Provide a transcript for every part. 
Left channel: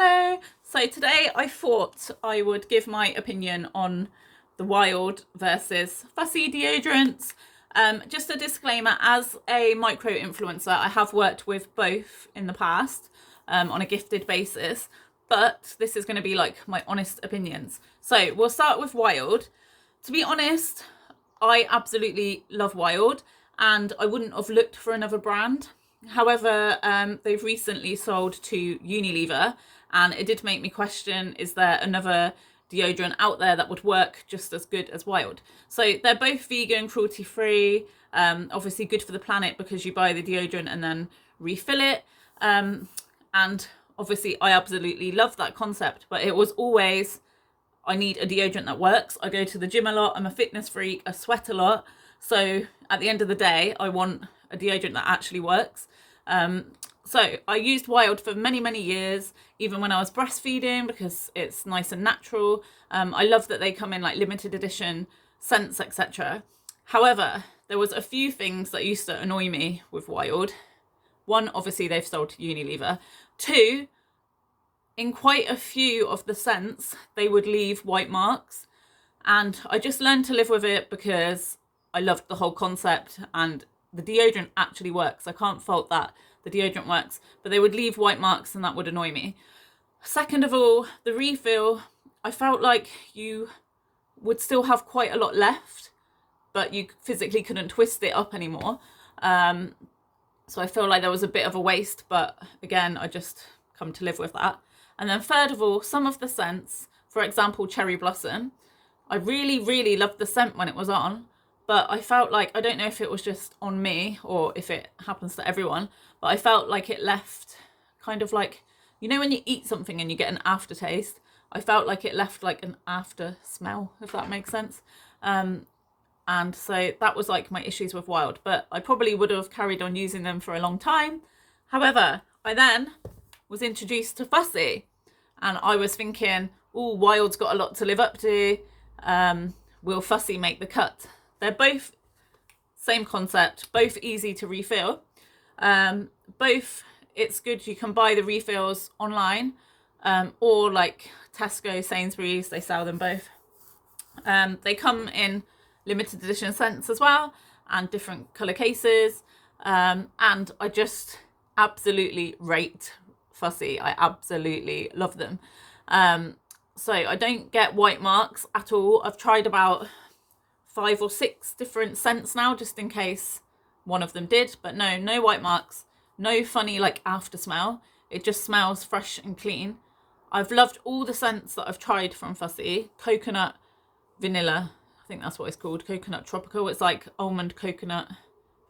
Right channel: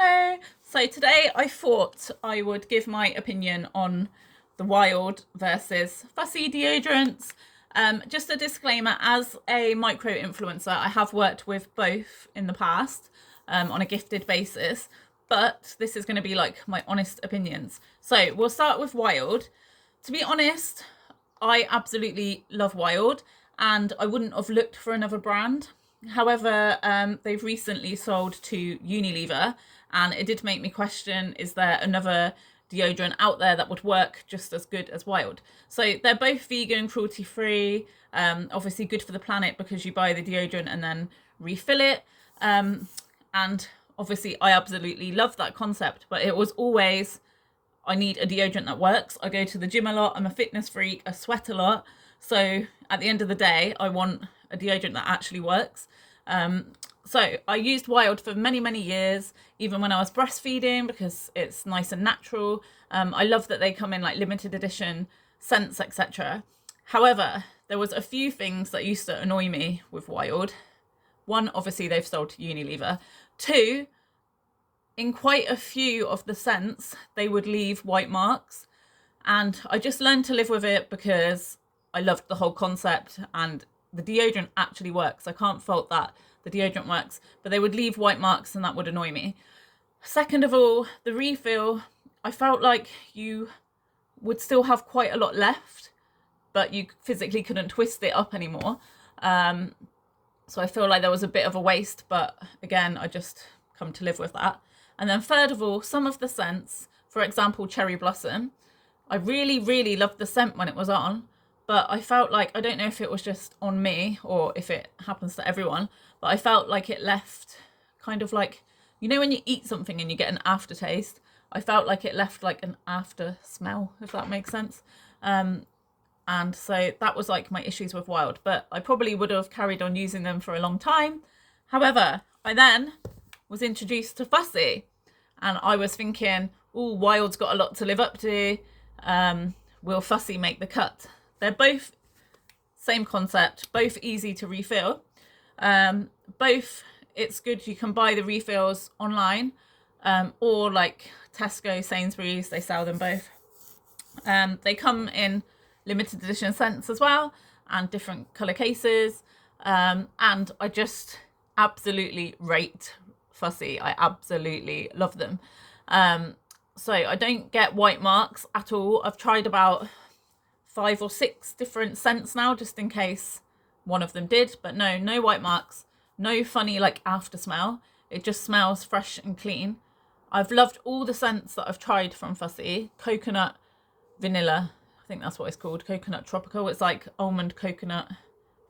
Hello. So today I thought I would give my opinion on the Wild versus Fussy deodorants. Just a disclaimer, as a micro influencer, I have worked with both in the past on a gifted basis, but this is going to be like my honest opinions. So we'll start with Wild. To be honest, I absolutely love Wild and I wouldn't have looked for another brand. However, they've recently sold to Unilever, and it did make me question, is there another deodorant out there that would work just as good as Wild? So they're both vegan, cruelty free, obviously good for the planet because you buy the deodorant and then refill it. And obviously I absolutely love that concept, but it was always, I need a deodorant that works. I go to the gym a lot, I'm a fitness freak, I sweat a lot. So at the end of the day, I want a deodorant that actually works. So I used Wild for many, many years, even when I was breastfeeding, because it's nice and natural. I love that they come in like limited edition scents, etc. However, there was a few things that used to annoy me with Wild. One, obviously they've sold to Unilever. Two, in quite a few of the scents, they would leave white marks. And I just learned to live with it because I loved the whole concept and the deodorant actually works. I can't fault that. The deodorant works, but they would leave white marks and that would annoy me. Second of all, the refill, I felt like you would still have quite a lot left, but you physically couldn't twist it up anymore. So I feel like there was a bit of a waste, but again, I just come to live with that. And then third of all, some of the scents, for example, Cherry Blossom, I really, really loved the scent when it was on, but I felt like, I don't know if it was just on me or if it happens to everyone, but I felt like it left kind of like, you know when you eat something and you get an aftertaste? I felt like it left like an after smell, if that makes sense. And so that was like my issues with Wild, but I probably would have carried on using them for a long time. However, I then was introduced to Fussy and I was thinking, oh, Wild's got a lot to live up to. Will Fussy make the cut? They're both same concept, both easy to refill. Both, it's good, you can buy the refills online, or like Tesco, Sainsbury's, they sell them both. They come in limited edition scents as well and different colour cases. And I just absolutely rate Fussy. I absolutely love them. So I don't get white marks at all. I've tried about 5 or 6 different scents now, just in case one of them did, but no white marks, no funny like after smell. It just smells fresh and clean. I've loved all the scents that I've tried from Fussy. Coconut, vanilla, I think that's what it's called, coconut tropical. It's like almond coconut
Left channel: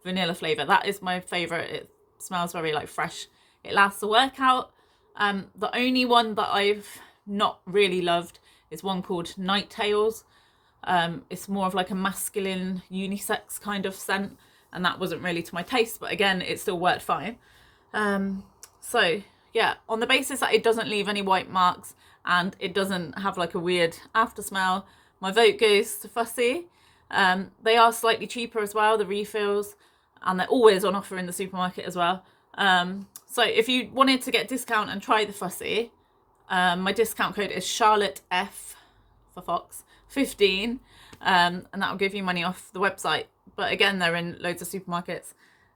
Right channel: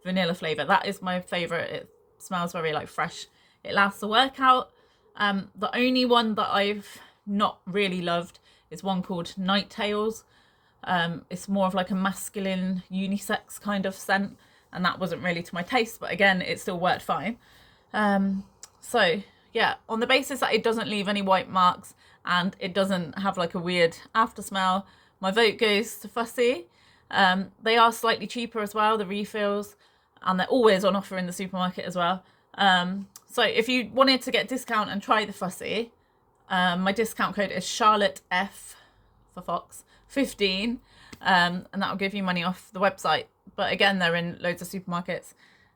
vanilla flavour. That is my favourite. It smells very like fresh. It lasts a workout. The only one that I've not really loved is one called Night Tales. It's more of like a masculine unisex kind of scent, and that wasn't really to my taste, but again, it still worked fine. So yeah, on the basis that it doesn't leave any white marks and it doesn't have like a weird after smell, my vote goes to Fussy. They are slightly cheaper as well, the refills, and they're always on offer in the supermarket as well. So if you wanted to get discount and try the Fussy, my discount code is Charlotte F for Fox 15, and that will give you money off the website. But again, they're in loads of supermarkets.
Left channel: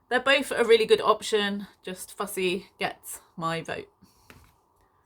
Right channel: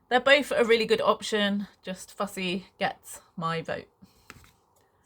They're both a really good option, just Fussy gets my vote.